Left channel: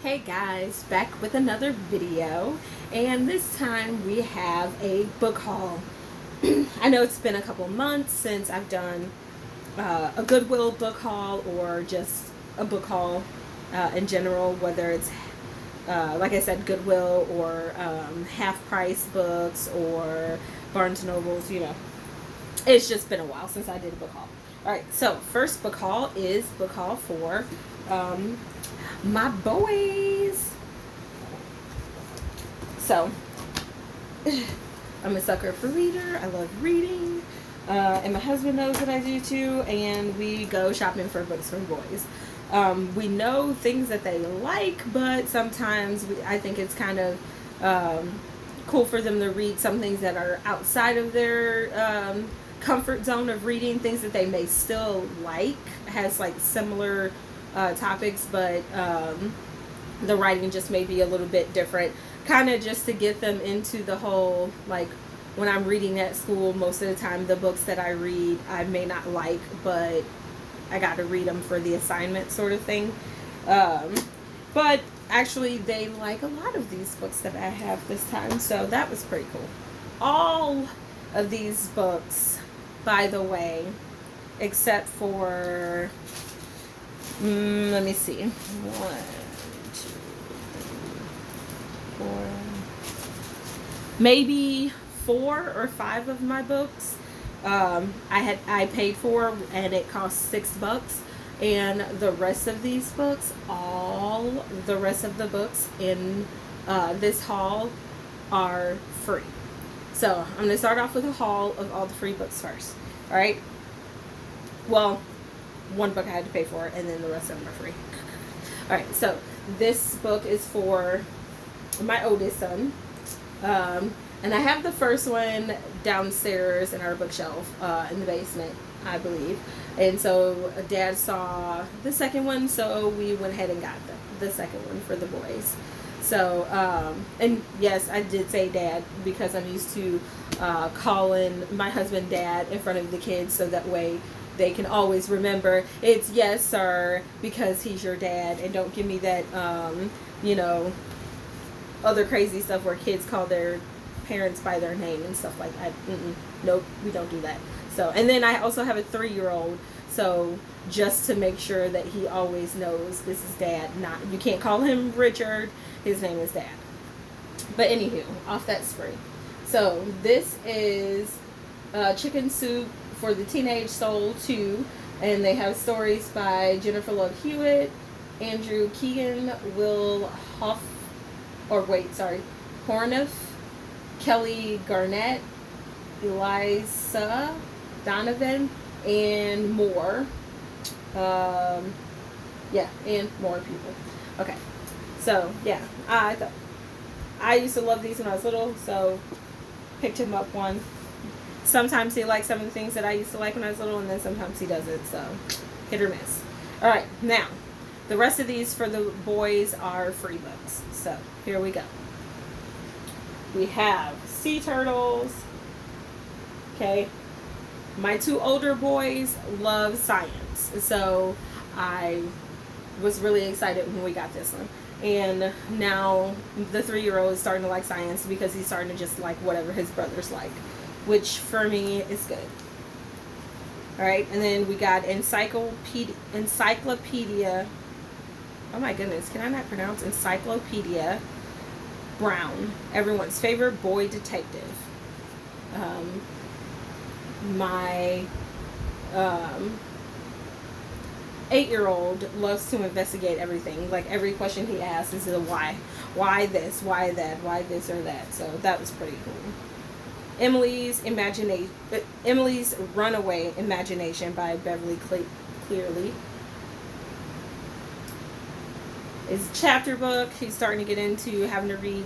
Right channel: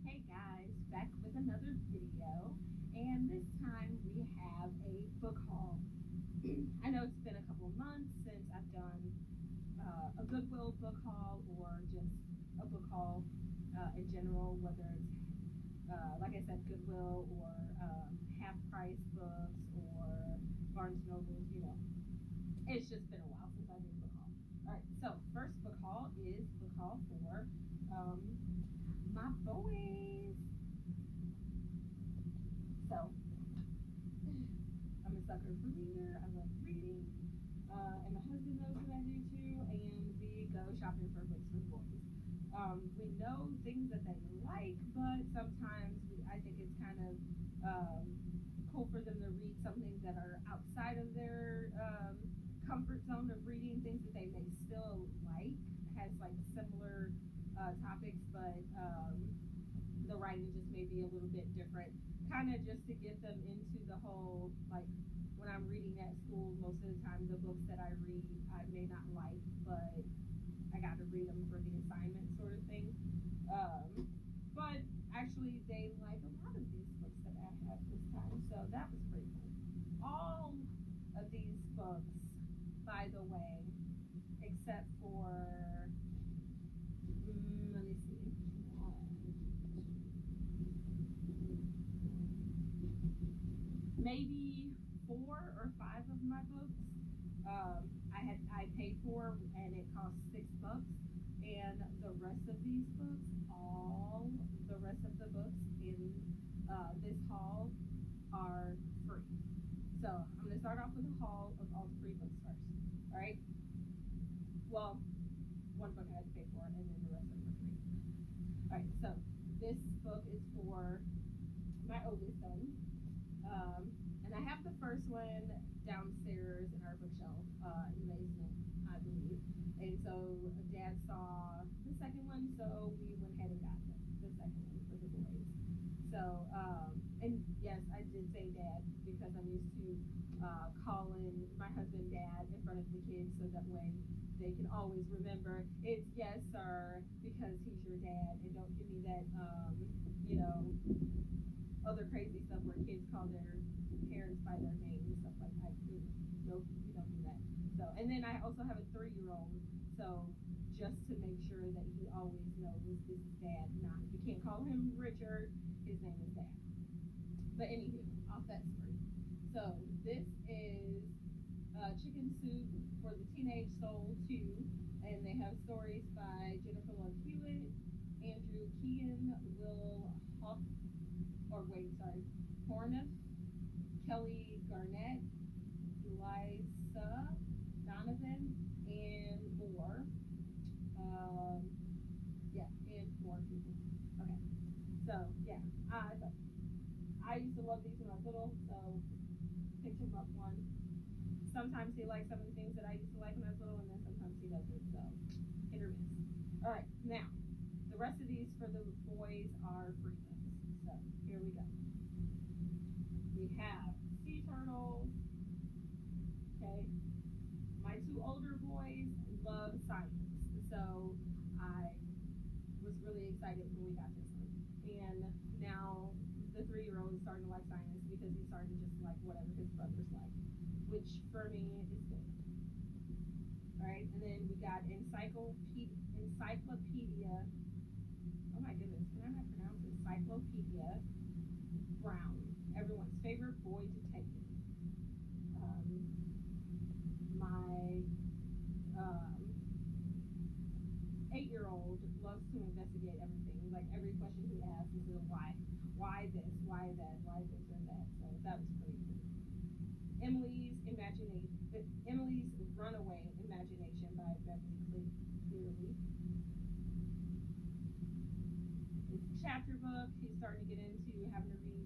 Hey guys, back with another video, and this time we have a book haul. I know it's been a couple months since I've done a Goodwill book haul or just a book haul in general, whether it's like I said, Goodwill or half price books or Barnes and Nobles. It's just been a while since I did a book haul. All right, so first book haul is book haul for um, my boys. So, I'm a sucker for reader. I love reading. And my husband knows that I do too. And we go shopping for books for boys. We know things that they like, but sometimes I think it's kind of cool for them to read some things that are outside of their comfort zone of reading, things that they may still like, has like similar topics, but the writing just may be a little bit different, kind of just to get them into the whole, like, when I'm reading at school, most of the time the books that I read I may not like, but I got to read them for the assignment sort of thing. um, but actually they like a lot of these books that I have this time, so that was pretty cool. All of these books, by the way, except for let me see, one, two, four, maybe 4 or 5 of my books I paid for, and it cost $6. And the rest of these books, all the rest of the books in this haul are free. So I'm going to start off with a haul of all the free books first. All right. Well, one book I had to pay for, and then the rest of them are free. All right. So this book is for my oldest son. And I have the first one downstairs in our bookshelf in the basement, I believe. And so Dad saw the second one, so we went ahead and got the second one for the boys. So, and yes, I did say Dad because I'm used to calling my husband Dad in front of the kids, so that way they can always remember it's yes, sir, because he's your dad, and don't give me that, you know, other crazy stuff where kids call their parents by their name and stuff like that. Nope, we don't do that. So, and then I also have a 3-year-old, so just to make sure that he always knows this is Dad. Not, you can't call him Richard. His name is Dad. But anywho, off that spree. So this is Chicken Soup for the Teenage Soul 2, and they have stories by Jennifer Love Hewitt, Andrew Keegan, Will Hoff, or wait, sorry, Horniff, Kelly Garnett, Eliza Donovan, and more. Yeah, and more people. Okay, so yeah, I used to love these when I was little, so picked him up one. Sometimes he likes some of the things that I used to like when I was little, and then sometimes he doesn't, so hit or miss. All right, now the rest of these for the boys are free books. So here we go. We have Sea Turtles. Okay. My 2 older boys love science, so I was really excited when we got this one. And now the 3-year-old is starting to like science because he's starting to just like whatever his brothers like, which for me is good. All right, and then we got Encyclopedia. Oh my goodness, can I not pronounce Encyclopedia Brown, everyone's favorite boy detective. My 8-year-old loves to investigate everything. Like every question he asks is a why. Why this? Why that? Why this or that? So that was pretty cool. Emily's Runaway Imagination by Beverly Clearly. Is chapter book. He's starting to get into having to read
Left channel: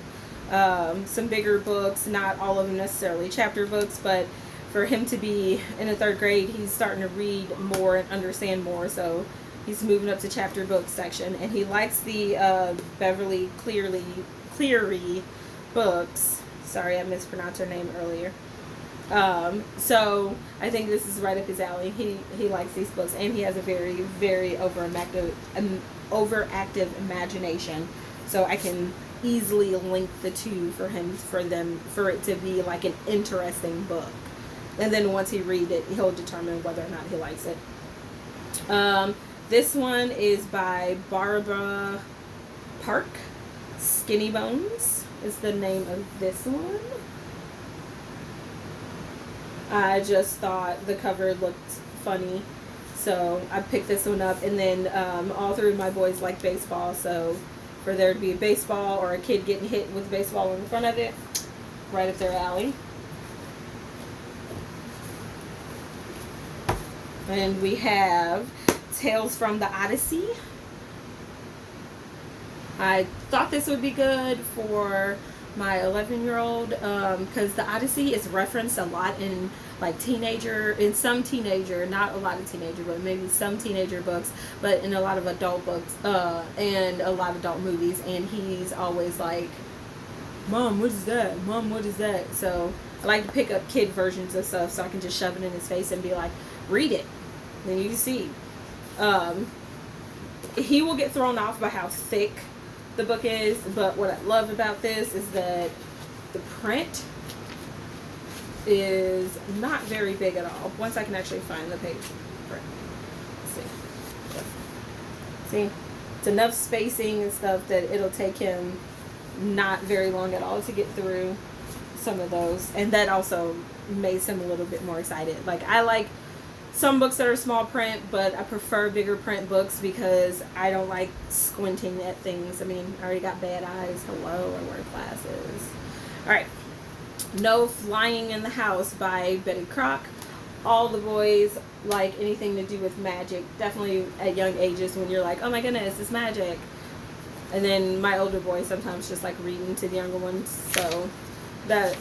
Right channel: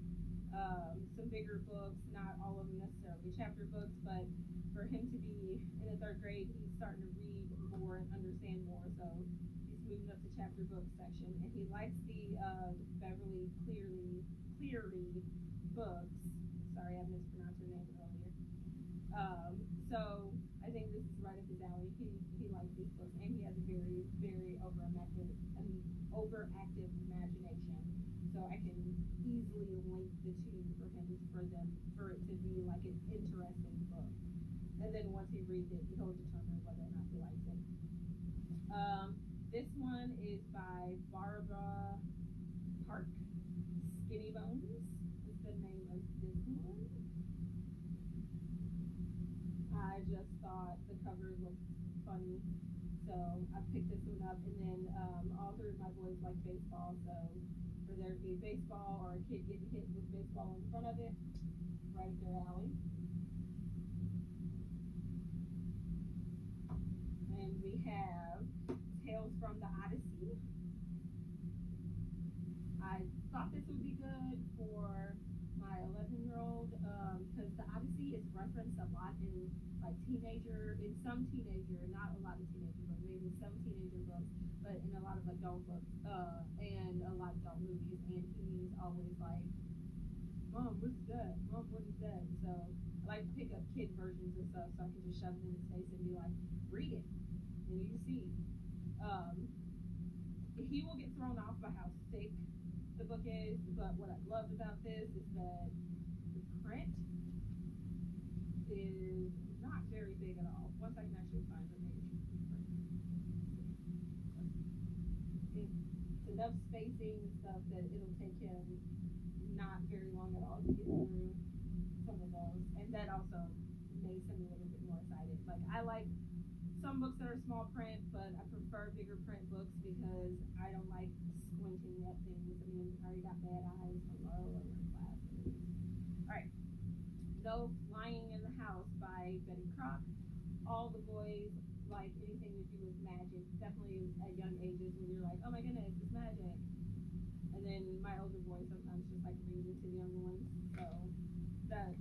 some bigger books, not all of them necessarily chapter books, but for him to be in the 3rd grade, he's starting to read more and understand more, so he's moving up to chapter book section, and he likes the Beverly Cleary books. Sorry, I mispronounced her name earlier. So I think this is right up his alley. He likes these books, and he has a very, very over overactive imagination. So I can easily link the two for it to be like an interesting book. And then once he reads it, he'll determine whether or not he likes it. This one is by Barbara Park. Skinny Bones is the name of this one. I just thought the cover looked funny, so I picked this one up. And then all three of my boys like baseball, so for there to be a baseball or a kid getting hit with a baseball in front of it, right up their alley. And we have Tales from the Odyssey. I thought this would be good for my 11-year-old because the Odyssey is referenced a lot in some teenager, not a lot of teenager, but maybe some teenager books, but in a lot of adult books and a lot of adult movies. And he's always like, "Mom, what is that? Mom, what is that?" So I like to pick up kid versions of stuff so I can just shove it in his face and be like, "Read it." Then you see. He will get thrown off by how thick the book is, but what I love about this is that the print is not very big at all. Once I can actually find the page print. See, it's enough spacing and stuff that it'll take him not very long at all to get through some of those, and that also makes him a little bit more excited. Like, I like some books that are small print, but I prefer bigger print books because I don't like squinting at things. I mean, I already got bad eyes. Hello, I wear glasses. All right. No Flying in the House by Betty Crock. All the boys like anything to do with magic, definitely at young ages when you're like, oh my goodness, it's magic. And then my older boys sometimes just like reading to the younger ones. So that,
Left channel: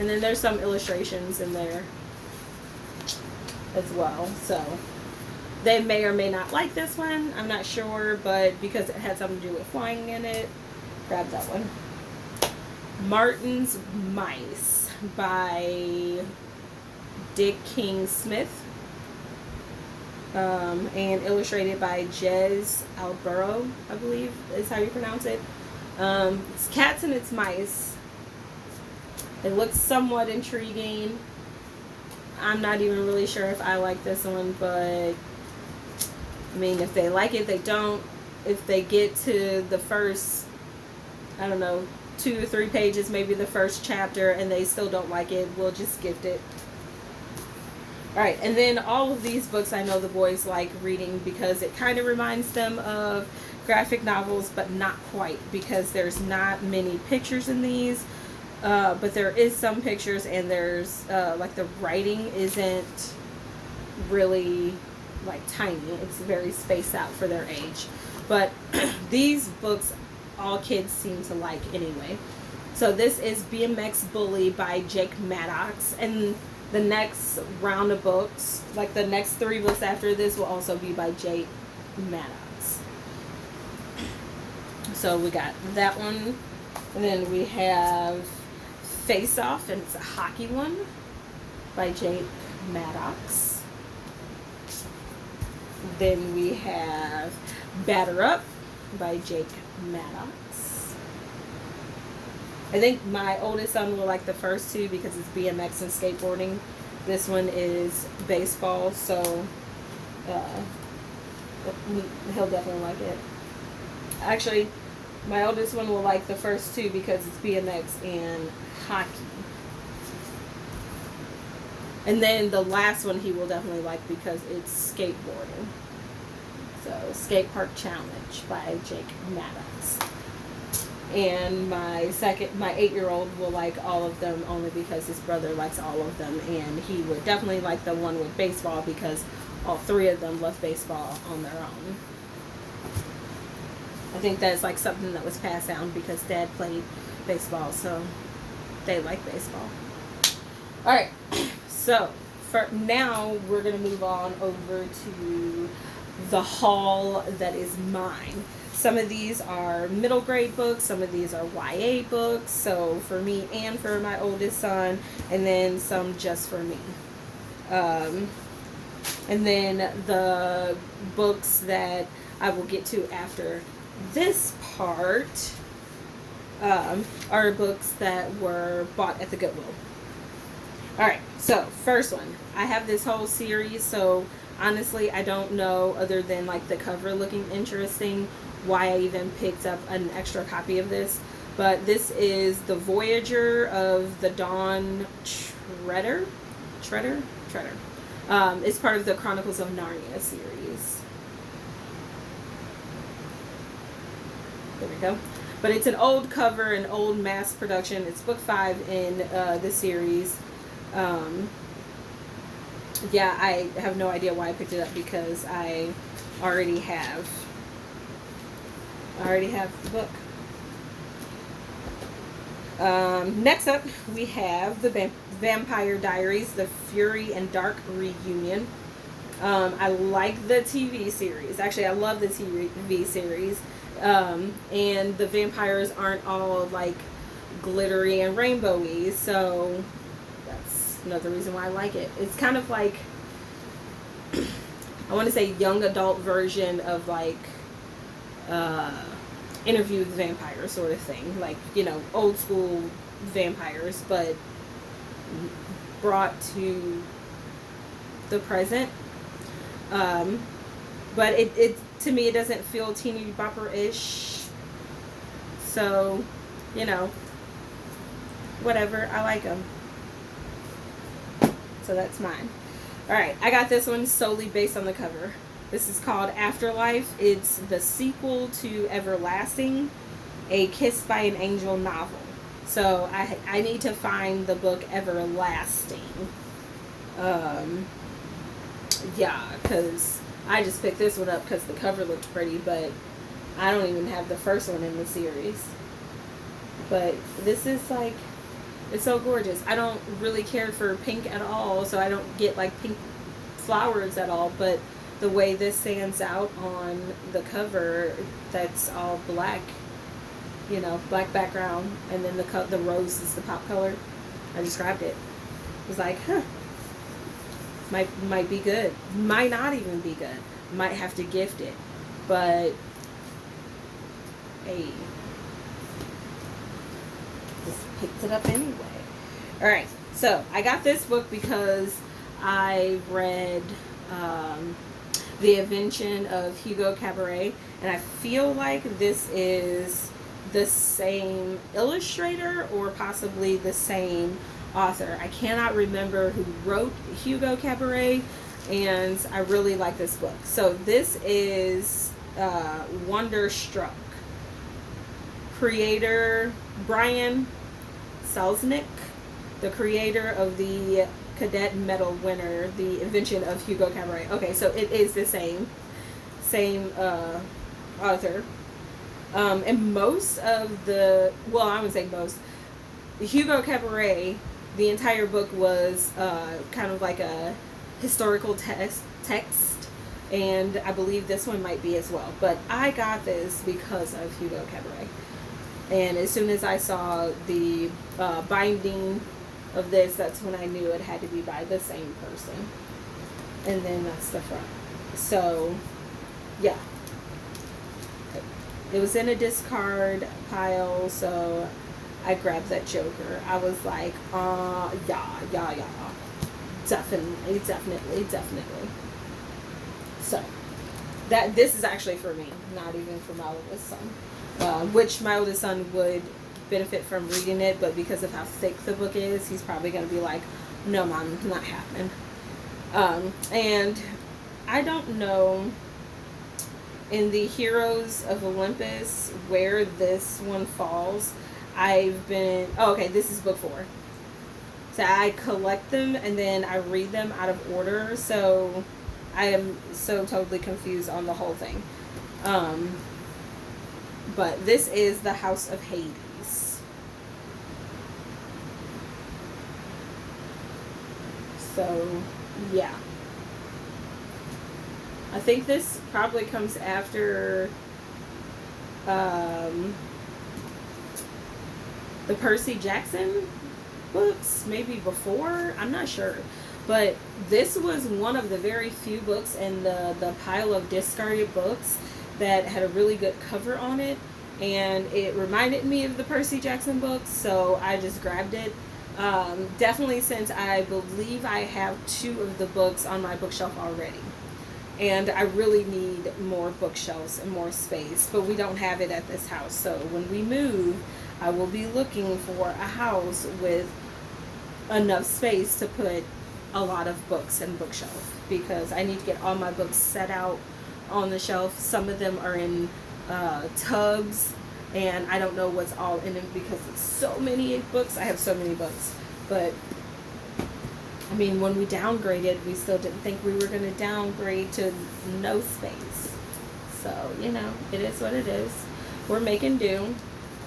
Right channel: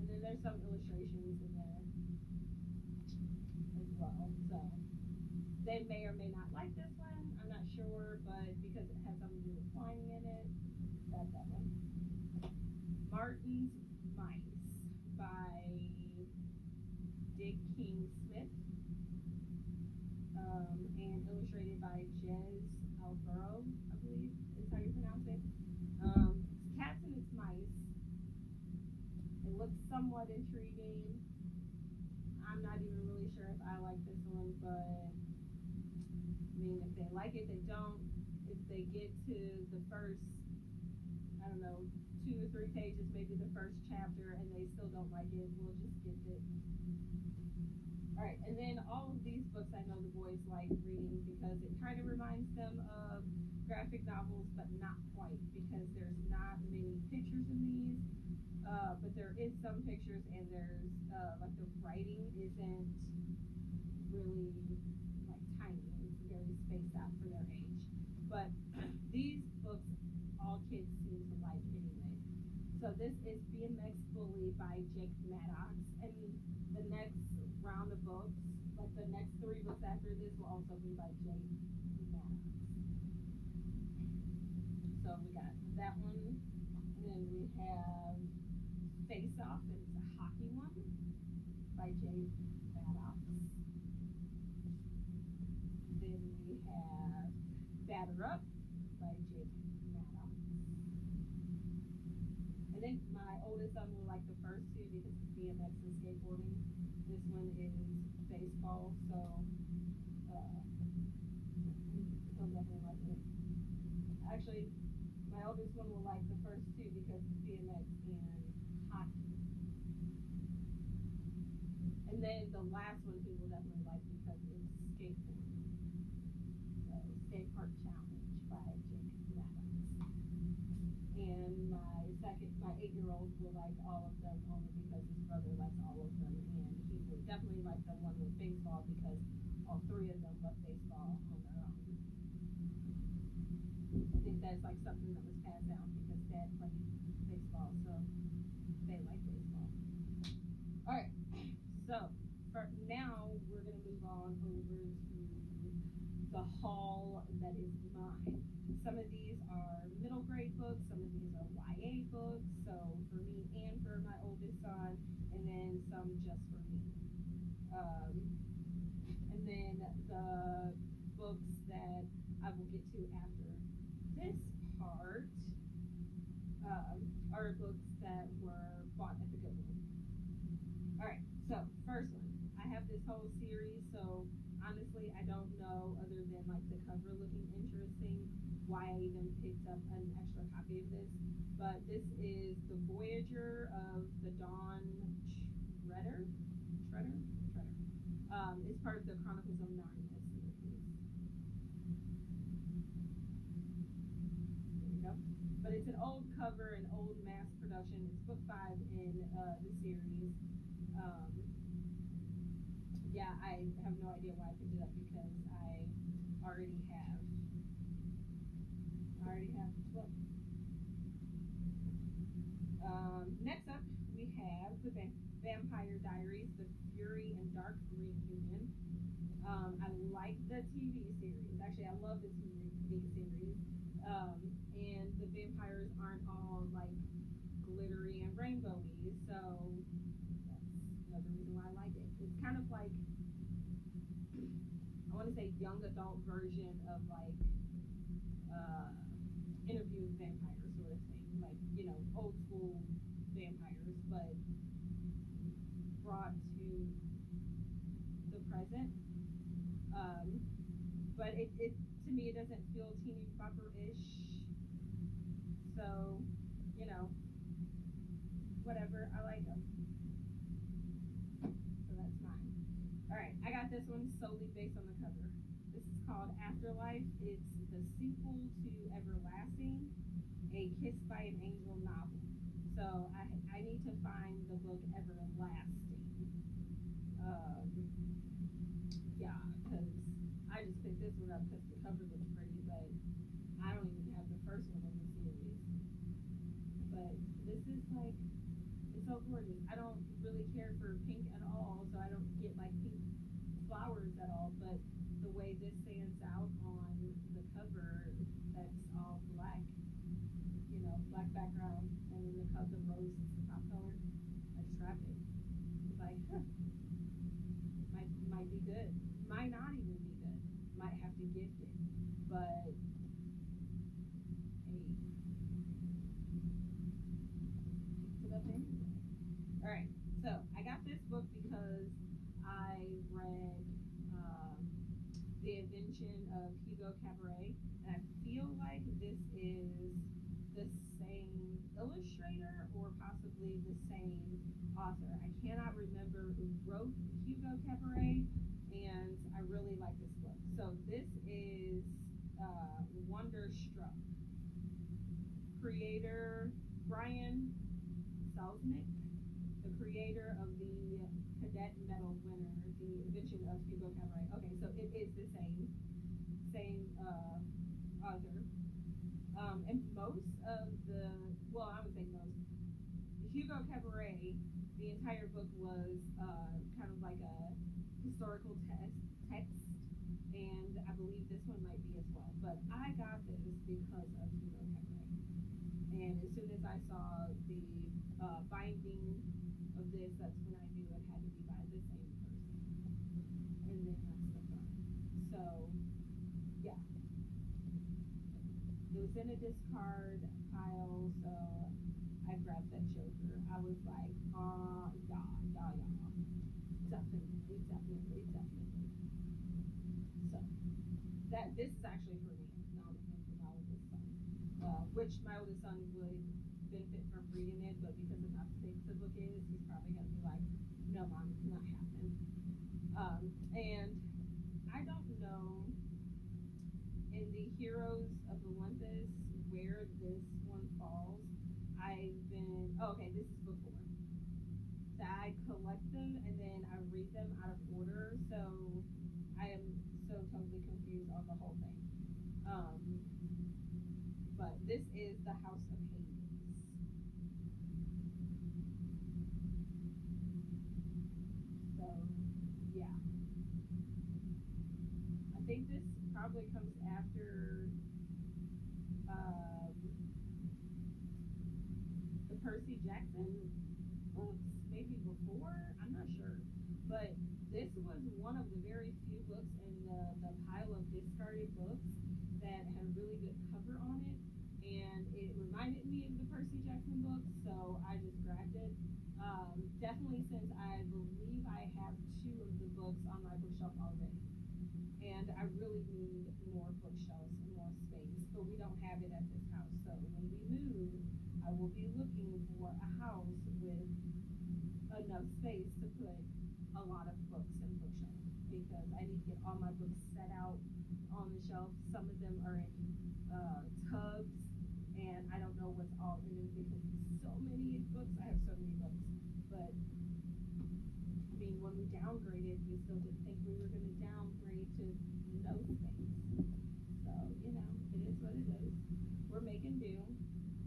and then there's some illustrations in there as well, so they may or may not like this one. I'm not sure, but because it had something to do with flying in it, grab that one. Martin's Mice by Dick King Smith, and illustrated by Jez Alburo, I believe is how you pronounce it. It's cats and it's mice. It looks somewhat intriguing. I'm not even really sure if I like this one, but I mean, if they like it, they don't. If they get to the first, I don't know, 2 or 3 pages, maybe the first chapter, and they still don't like it, we'll just gift it. Alright, and then all of these books I know the boys like reading because it kind of reminds them of graphic novels, but not quite, because there's not many pictures in these. But there is some pictures, and there's like the writing isn't really like tiny. It's very spaced out for their age. But these books all kids seem to like anyway. So this is BMX Bully by Jake Maddox, and the next round of books, like the next 3 books after this, will also be by Jake Maddox. So we got that one, and then we have Face Off, and it's a hockey one by Jake Maddox. Then we have Batter Up by Jake Maddox. I think my oldest son will like the first 2 because it's BMX and skateboarding. This one is baseball, so he'll definitely like it. Actually, my oldest one will like the first 2 because it's BMX and hockey. And then the last one he will definitely like because it's skateboarding. So, Skate Park Challenge by Jake Maddox. And my 8-year-old will like all of them only because his brother likes all of them, and he would definitely like the one with baseball because all 3 of them love baseball on their own. I think that's like something that was passed down because Dad played baseball, so they like baseball. Alright, so for now we're going to move on over to the haul that is mine. Some of these are middle grade books, some of these are YA books, so for me and for my oldest son, and then some just for me. And then the books that I will get to after this part, are books that were bought at the Goodwill. Alright, so first one. I have this whole series, so honestly, I don't know, other than like the cover looking interesting, why I even picked up an extra copy of this. But this is The Voyager of the Dawn Treader. It's part of the Chronicles of Narnia series. There we go. But it's an old cover, an old mass production. It's book 5 in the series. Yeah, I have no idea why I picked it up, because I already have the book. Next up, we have the Vampire Diaries, The Fury and Dark Reunion. I like the TV series. Actually, I love the TV series. And the vampires aren't all like glittery and rainbowy, so that's another reason why I like it. It's kind of like, I want to say, young adult version of like Interview with the Vampire sort of thing, like, you know, old school vampires, but brought to the present. But it to me, it doesn't feel teeny bopper-ish, so, you know, whatever, I like them. So that's mine. Alright, I got this one solely based on the cover. This is called Afterlife. It's the sequel to Everlasting, a Kiss by an Angel novel. So I need to find the book Everlasting. Yeah, because I just picked this one up because the cover looked pretty, but I don't even have the first one in the series. But this is like, it's so gorgeous. I don't really care for pink at all, so I don't get like pink flowers at all, but the way this stands out on the cover, that's all black, you know, black background, and then the rose is the pop color. I described it. It was like, huh, might be good. Might not even be good. Might have to gift it. But hey, just picked it up anyway. Alright, so I got this book because I read The Invention of Hugo Cabret, and I feel like this is the same illustrator or possibly the same author. I cannot remember who wrote Hugo Cabret, and I really like this book. So this is Wonderstruck. Creator Brian Selznick, the creator of the Cadet Medal winner, The Invention of Hugo Cabret. Okay, so it is the same author. And most of the, well, I would say most, Hugo Cabret, the entire book was kind of like a historical text, and I believe this one might be as well. But I got this because of Hugo Cabret. And as soon as I saw the binding of this, that's when I knew it had to be by the same person. And then that's the front. So, yeah. It was in a discard pile, so I grabbed that Joker. I was like, yeah. Definitely. So, this is actually for me, not even for my oldest son. Which my oldest son would benefit from reading it, but because of how thick the book is, he's probably going to be like, no, Mom, not happening. And I don't know in the Heroes of Olympus where this one falls. This is book 4. So I collect them and then I read them out of order, so I am so totally confused on the whole thing. But this is The House of Hades. So, yeah. I think this probably comes after the Percy Jackson books, maybe before, I'm not sure. But this was one of the very few books in the pile of discarded books that had a really good cover on it, and it reminded me of the Percy Jackson books, so I just grabbed it. Definitely, since I believe I have 2 of the books on my bookshelf already. And I really need more bookshelves and more space, but we don't have it at this house. So when we move, I will be looking for a house with enough space to put a lot of books and bookshelf, because I need to get all my books set out on the shelf. Some of them are in tubs, and I don't know what's all in them because it's so many books. I have so many books, but I mean, when we downgraded, we still didn't think we were going to downgrade to no space. So, you know, it is what it is. We're making do.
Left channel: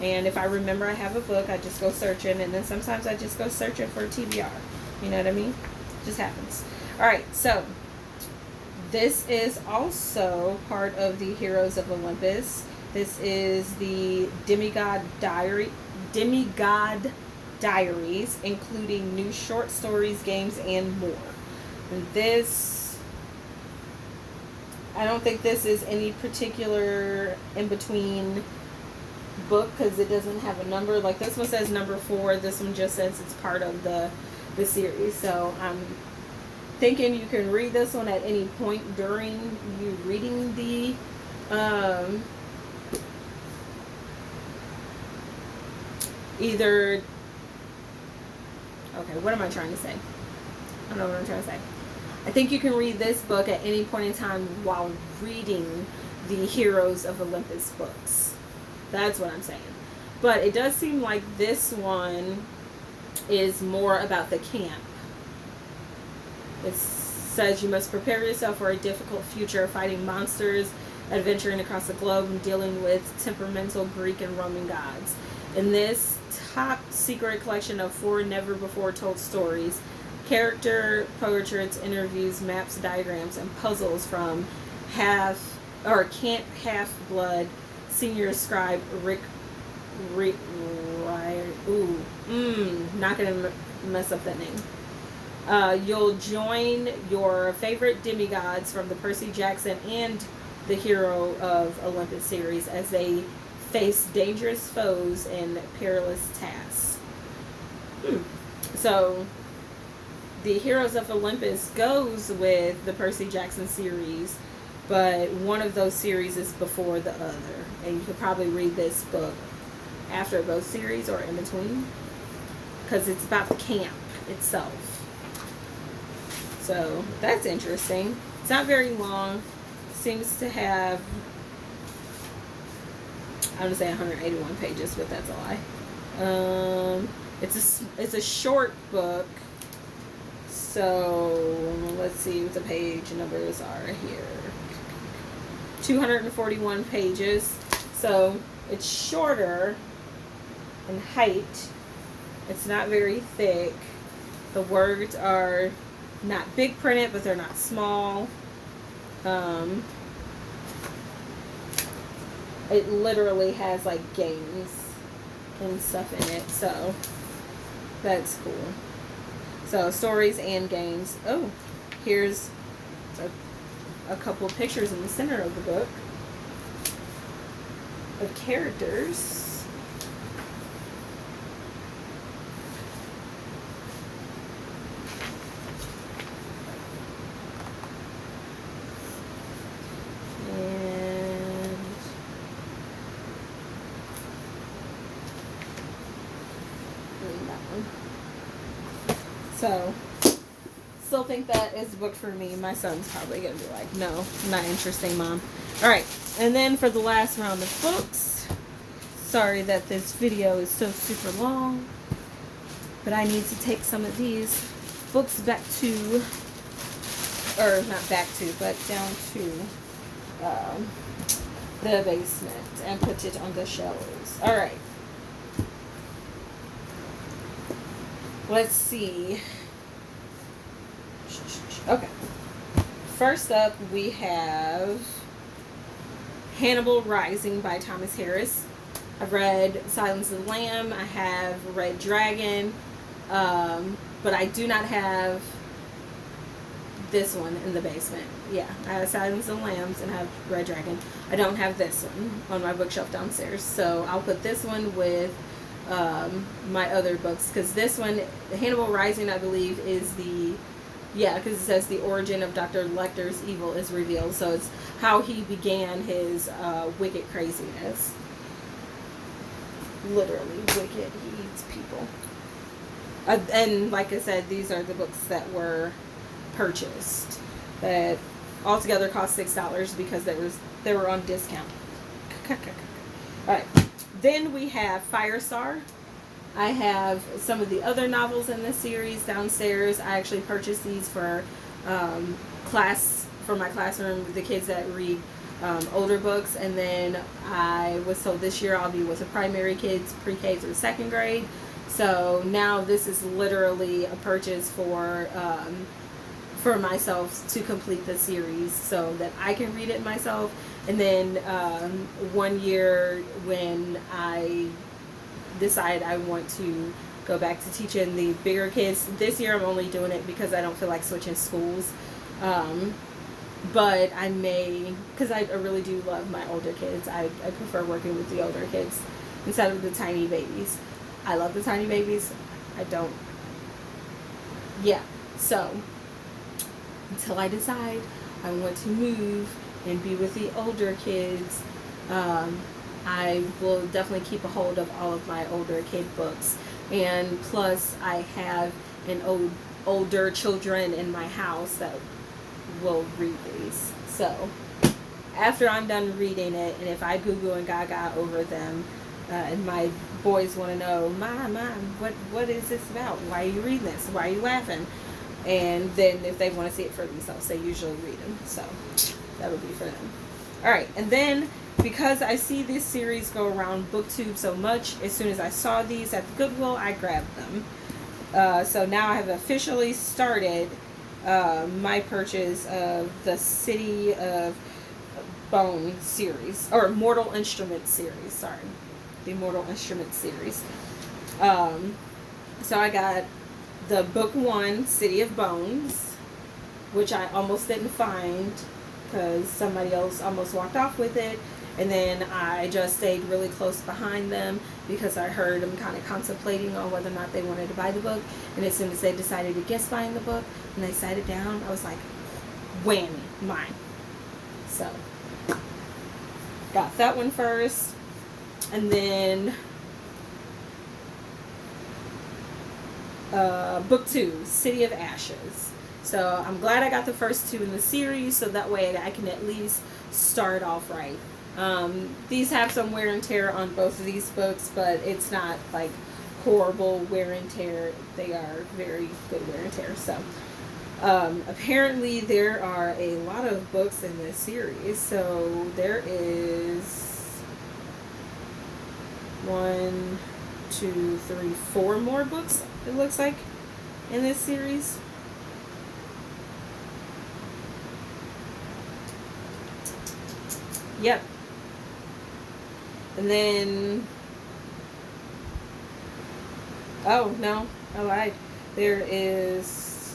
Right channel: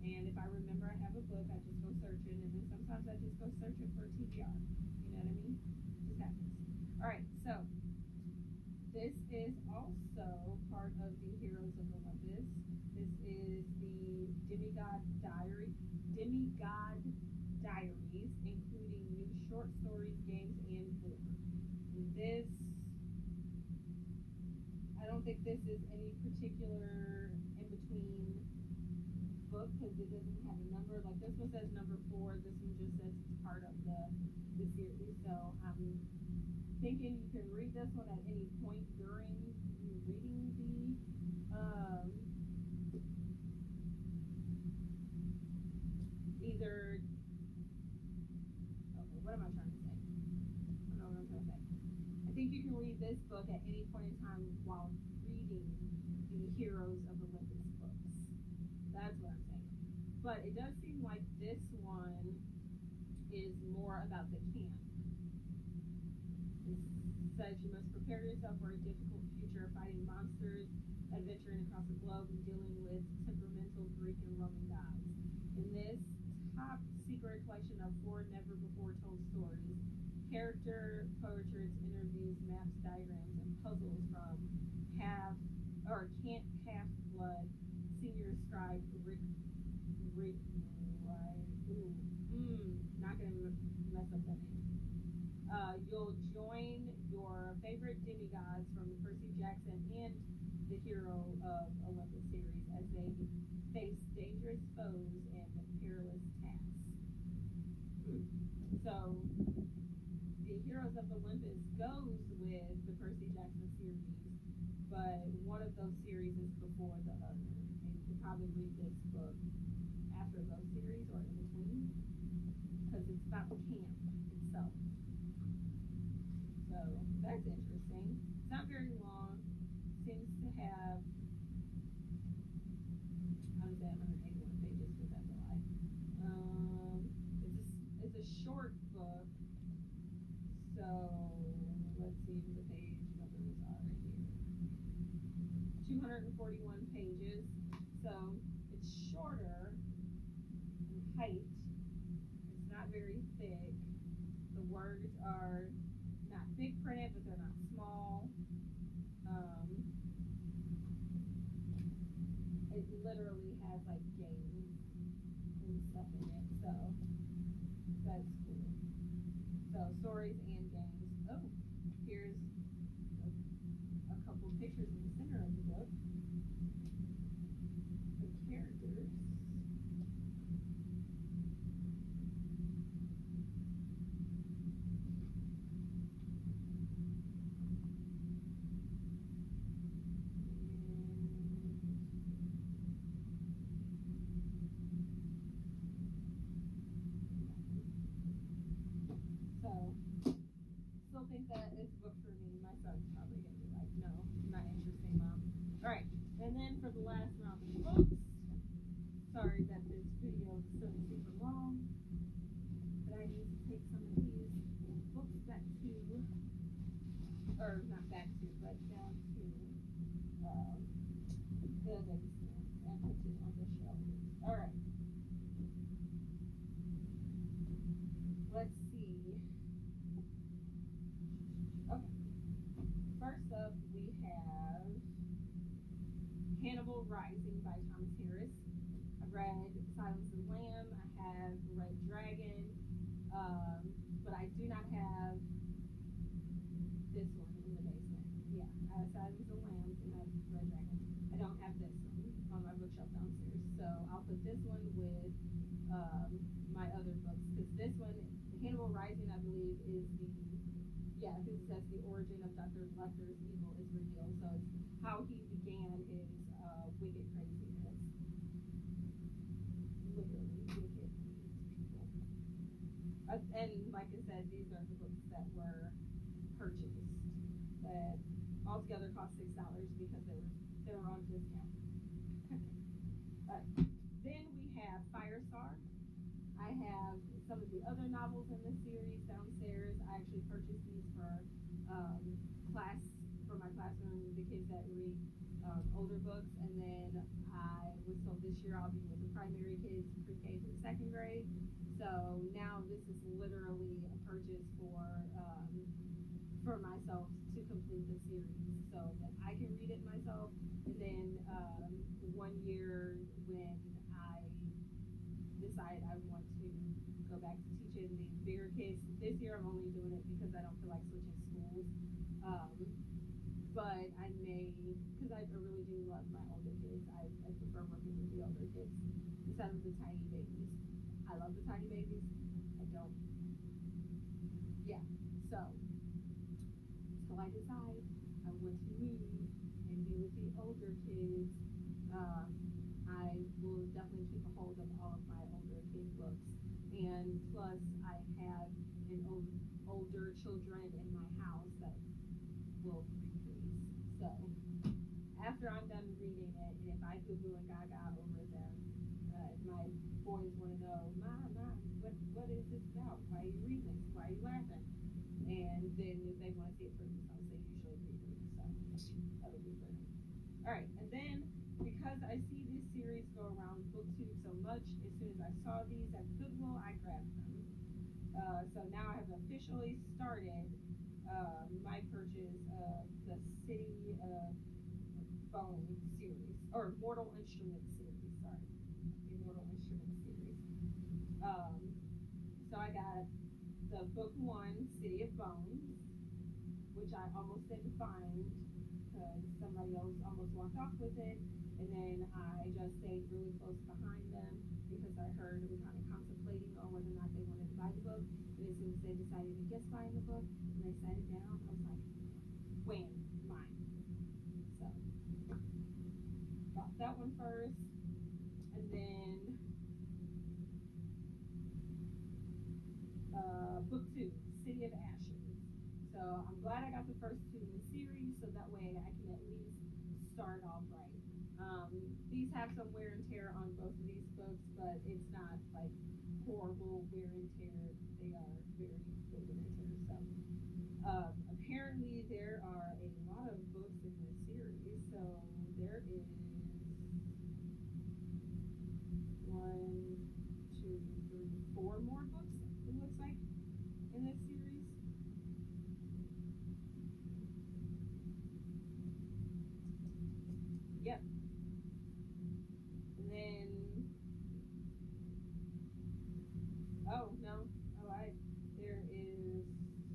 And if I remember I have a book, I just go searching. And then sometimes I just go searching for TBR. You know what I mean? It just happens. All right, so this is also part of the Heroes of Olympus. This is the Demigod Diaries, including new short stories, games, and more. And this, I don't think this is any particular in-between book, because it doesn't have a number. Like, this one says number 4, this one just says it's part of the series. So I'm thinking you can read this one at any point during you reading the either, okay, what am I trying to say? I don't know what I'm trying to say. I think you can read this book at any point in time while reading the Heroes of Olympus books. That's what I'm saying. But it does seem like this one is more about the camp. It says you must prepare yourself for a difficult future, fighting monsters, adventuring across the globe, and dealing with temperamental Greek and Roman gods. In this top secret collection of 4 never before told stories, character portraits, interviews, maps, diagrams, and puzzles from Camp Half-Blood senior scribe Rick not gonna mess up that name. You'll join your favorite demigods from the Percy Jackson and the Hero of Olympus series as they face dangerous foes and perilous tasks. So the Heroes of Olympus goes with the Percy Jackson series, but one of those series is before the other. And you could probably read this book after both series or in between, because it's about the camp itself. So that's interesting. It's not very long. Seems to have, I'm going to say 181 pages, but that's a lie. It's a short book. So let's see what the page numbers are here. 241 pages. So it's shorter in height. It's not very thick. The words are not big printed, but they're not small. It literally has like games and stuff in it, so that's cool. So stories and games. Oh, here's a couple of pictures in the center of the book of characters. So, still think that is a book for me. My son's probably going to be like, no, not interesting, Mom. Alright, and then for the last round of books, sorry that this video is so super long, but I need to take some of these books back to, or not back to, but down to the basement and put it on the shelves. Alright. Let's see. Okay. First up, we have Hannibal Rising by Thomas Harris. I've read Silence of the Lamb. I have read Dragon. But I do not have this one in the basement. Yeah, I have Silence of the Lambs and have Red Dragon. I don't have this one on my bookshelf downstairs, so I'll put this one with my other books, because this one, Hannibal Rising, I believe, is the, yeah, because it says the origin of Dr. Lecter's evil is revealed, so it's how he began his wicked craziness. Literally wicked. He eats people. And like I said, these are the books that were purchased that altogether cost $6 because they were on discount. All right. Then we have Firestar. I have some of the other novels in this series downstairs. I actually purchased these for for my classroom, the kids that read older books, and then I was told this year I'll be with the primary kids, pre-K through second grade. So now this is literally a purchase for myself to complete the series so that I can read it myself. And then one year when I decide I want to go back to teaching the bigger kids, this year I'm only doing it because I don't feel like switching schools. But I may, because I really do love my older kids. I prefer working with the older kids instead of the tiny babies. I love the tiny babies. I don't. Yeah. So, until I decide I want to move and be with the older kids, I will definitely keep a hold of all of my older kid books. And plus, I have older children in my house that will read these. So, after I'm done reading it, and if I Google and Gaga over them, and my boys want to know, Mom, what is this about? Why are you reading this? Why are you laughing? And then if they want to see it for themselves, they usually read them. So that would be for them. All right, and then because I see this series go around BookTube so much, as soon as I saw these at the Goodwill, I grabbed them. So now I have officially started my purchase of the City of Bone series, or Mortal Instruments series, sorry. The Mortal Instruments series. So I got the book 1, City of Bones, which I almost didn't find because somebody else almost walked off with it. And then I just stayed really close behind them because I heard them kind of contemplating on whether or not they wanted to buy the book. And as soon as they decided against buying the book and they sat it down, I was like, whammy, mine. So, got that one first. And then book 2, City of Ashes. So I'm glad I got the first 2 in the series, so that way I can at least start off right. These have some wear and tear on both of these books, but it's not like horrible wear and tear. They are very good wear and tear. So apparently there are a lot of books in this series. So there is 1, 2, 3, 4 more books, it looks like, in this series. Yep. And then, oh no, I lied. There is,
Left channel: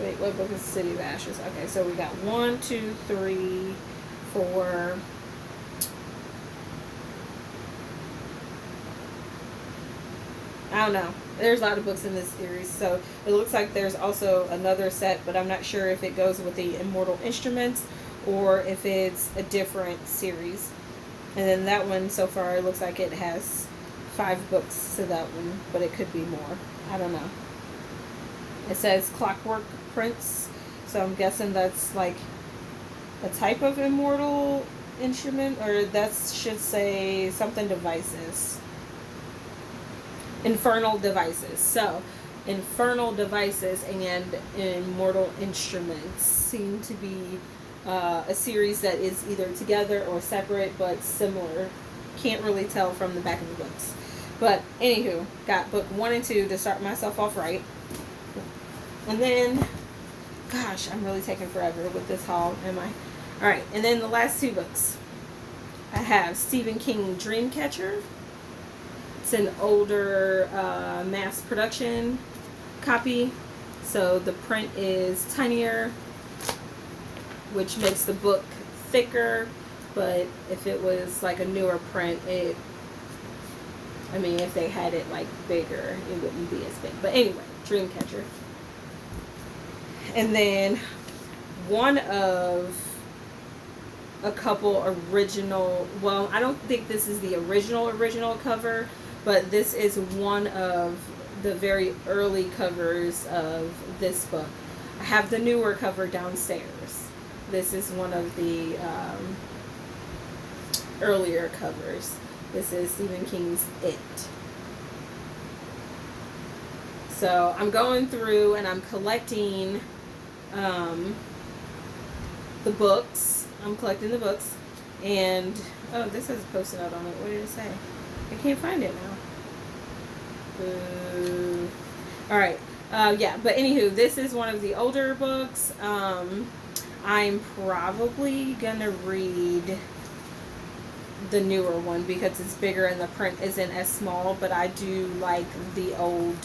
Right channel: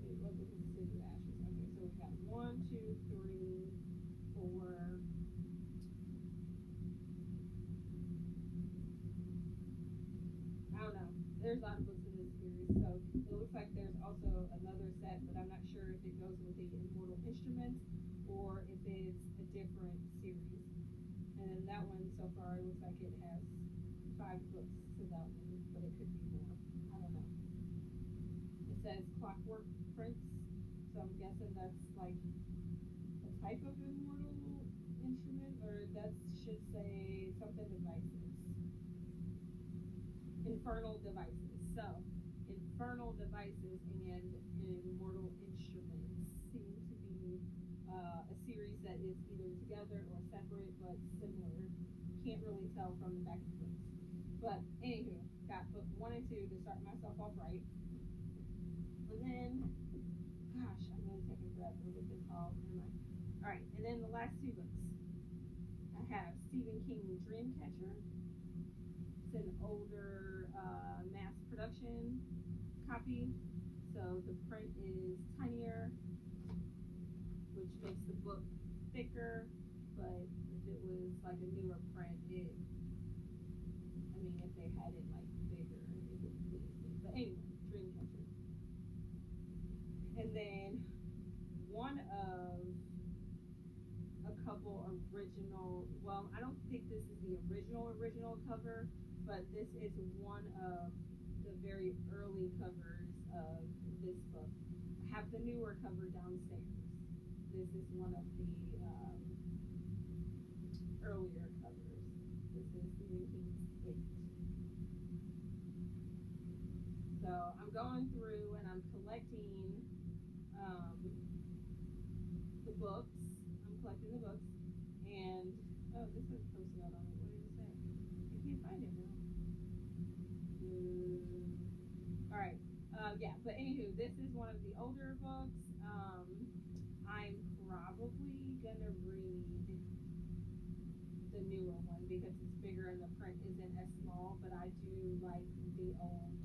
wait, what book is City of Ashes? Okay, so we got 1, 2, 3, 4. I don't know. There's a lot of books in this series, so it looks like there's also another set, but I'm not sure if it goes with the Immortal Instruments or if it's a different series. And then that one, so far, it looks like it has 5 books to that one, but it could be more. I don't know. It says Clockwork Prince, so I'm guessing that's like a type of Immortal Instrument, or that should say something devices. Infernal Devices. So, Infernal Devices and Immortal Instruments seem to be a series that is either together or separate, but similar. Can't really tell from the back of the books. But, anywho, got book 1 and 2 to start myself off right. And then, gosh, I'm really taking forever with this haul, am I? Alright, and then the last 2 books. I have Stephen King Dreamcatcher. It's an older mass production copy, so the print is tinier, which makes the book thicker. But if it was like a newer print, if they had it like bigger, it wouldn't be as big. But anyway, Dreamcatcher. And then one of a couple original, well, I don't think this is the original cover, but this is one of the very early covers of this book. I have the newer cover downstairs. This is one of the earlier covers. This is Stephen King's It. So I'm going through and I'm collecting the books. I'm collecting the books. And, oh, this has a Post-it note on it. What did it say? I can't find it now. Alright. Yeah, but anywho, this is one of the older books. I'm probably gonna read the newer one because it's bigger and the print isn't as small, but I do like the old,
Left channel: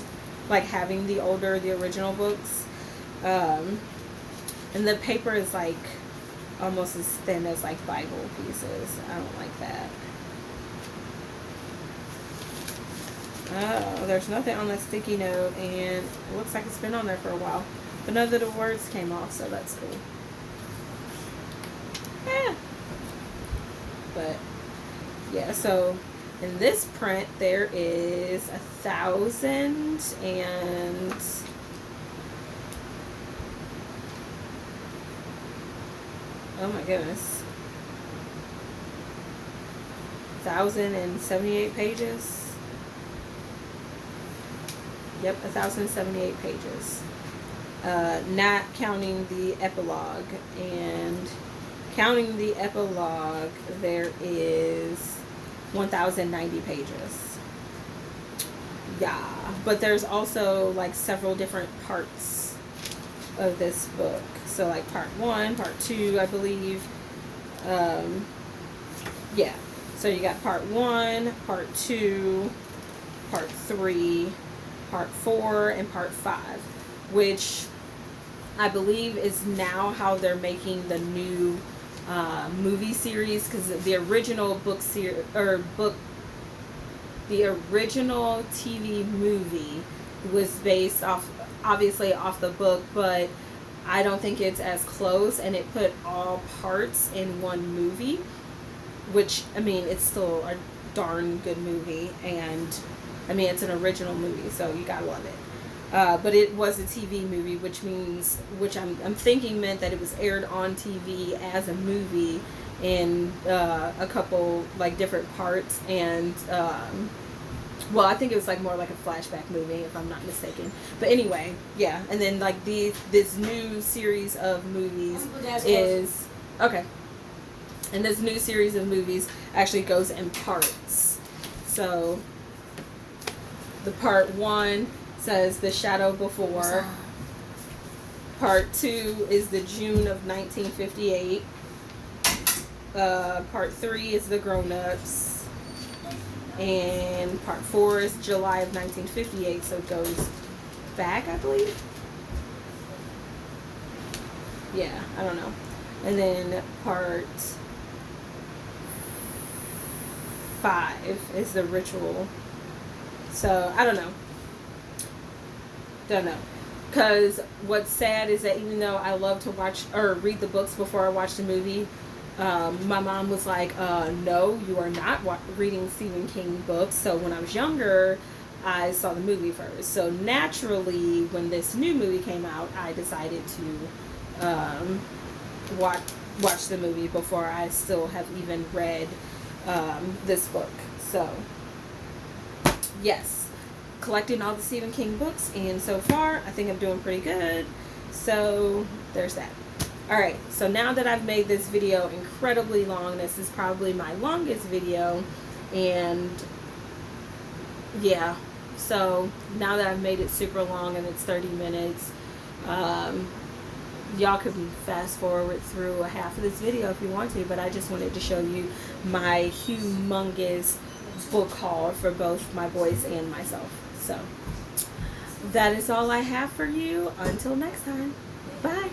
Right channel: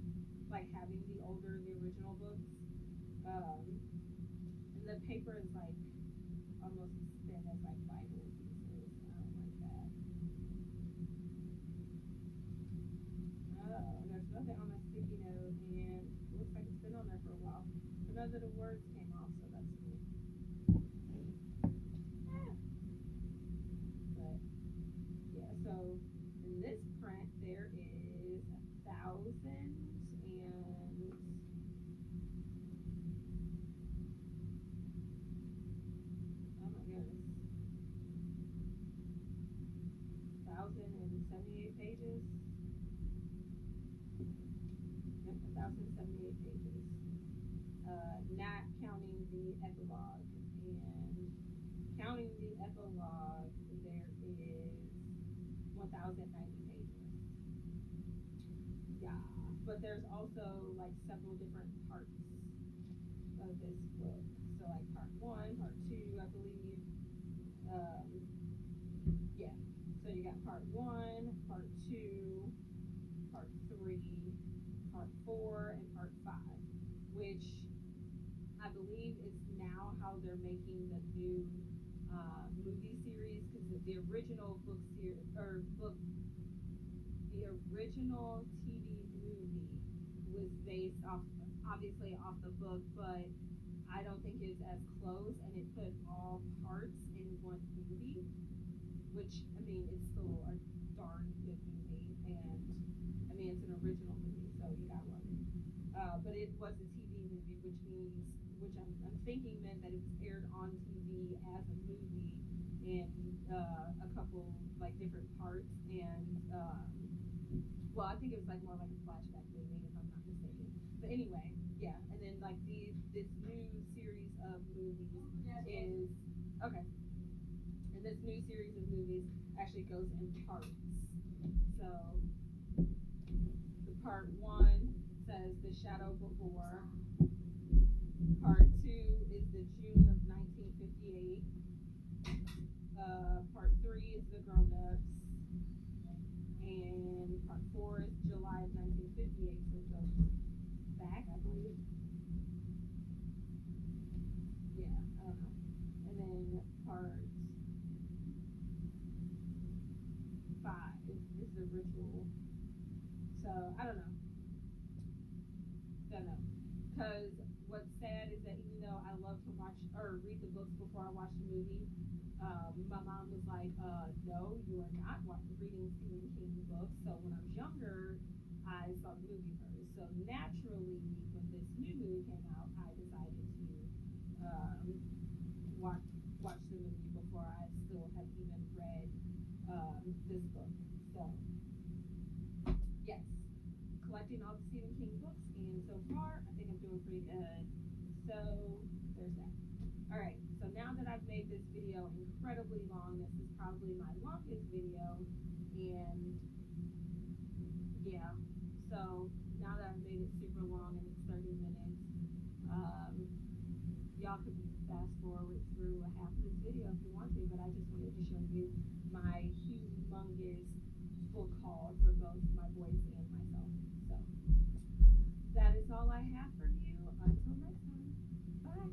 like having the original books. And the paper is like almost as thin as like Bible pieces. I don't like that. Oh, there's nothing on that sticky note, and it looks like it's been on there for a while. But none of the words came off, so that's cool. Yeah. But, yeah, so in this print, there is 1,000 and... oh my goodness. 1,078 pages. Yep, 1,078 pages. Not counting the epilogue. And counting the epilogue, there is 1,090 pages. Yeah, but there's also like several different parts of this book. So like part 1, part 2, I believe. Yeah, so you got part 1, part 2, part 3, part 4, and part 5, which I believe is now how they're making the new movie series, because the original the original TV movie was based off, obviously off the book, but I don't think it's as close, and it put all parts in one movie, which, I mean, it's still a darn good movie, and I mean, it's an original movie, so you gotta love it. But it was a TV movie, which I'm thinking meant that it was aired on TV as a movie in a couple like different parts, and well, I think it was like more like a flashback movie, if I'm not mistaken. But anyway, yeah. And then like this new series of movies is okay. And this new series of movies actually goes in parts. So the part 1 says The Shadow Before. Part 2 is the June of 1958. Part 3 is The Grown-Ups. And part 4 is July of 1958, so it goes back, I believe. Yeah, I don't know. And then part 5 is The Ritual. So, I don't know. Don't know. Because what's sad is that even though I love to watch or read the books before I watch the movie, my mom was like, no, you are not reading Stephen King books. So when I was younger, I saw the movie first. So naturally, when this new movie came out, I decided to watch the movie before I still have even read this book. So, yes, collecting all the Stephen King books, and so far, I think I'm doing pretty good. So, there's that. Alright, so now that I've made this video incredibly long, this is probably my longest video, and yeah, so now that I've made it super long and it's 30 minutes, y'all could fast forward through a half of this video if you want to, but I just wanted to show you my humongous book haul for both my boys and myself. So, that is all I have for you. Until next time. Bye.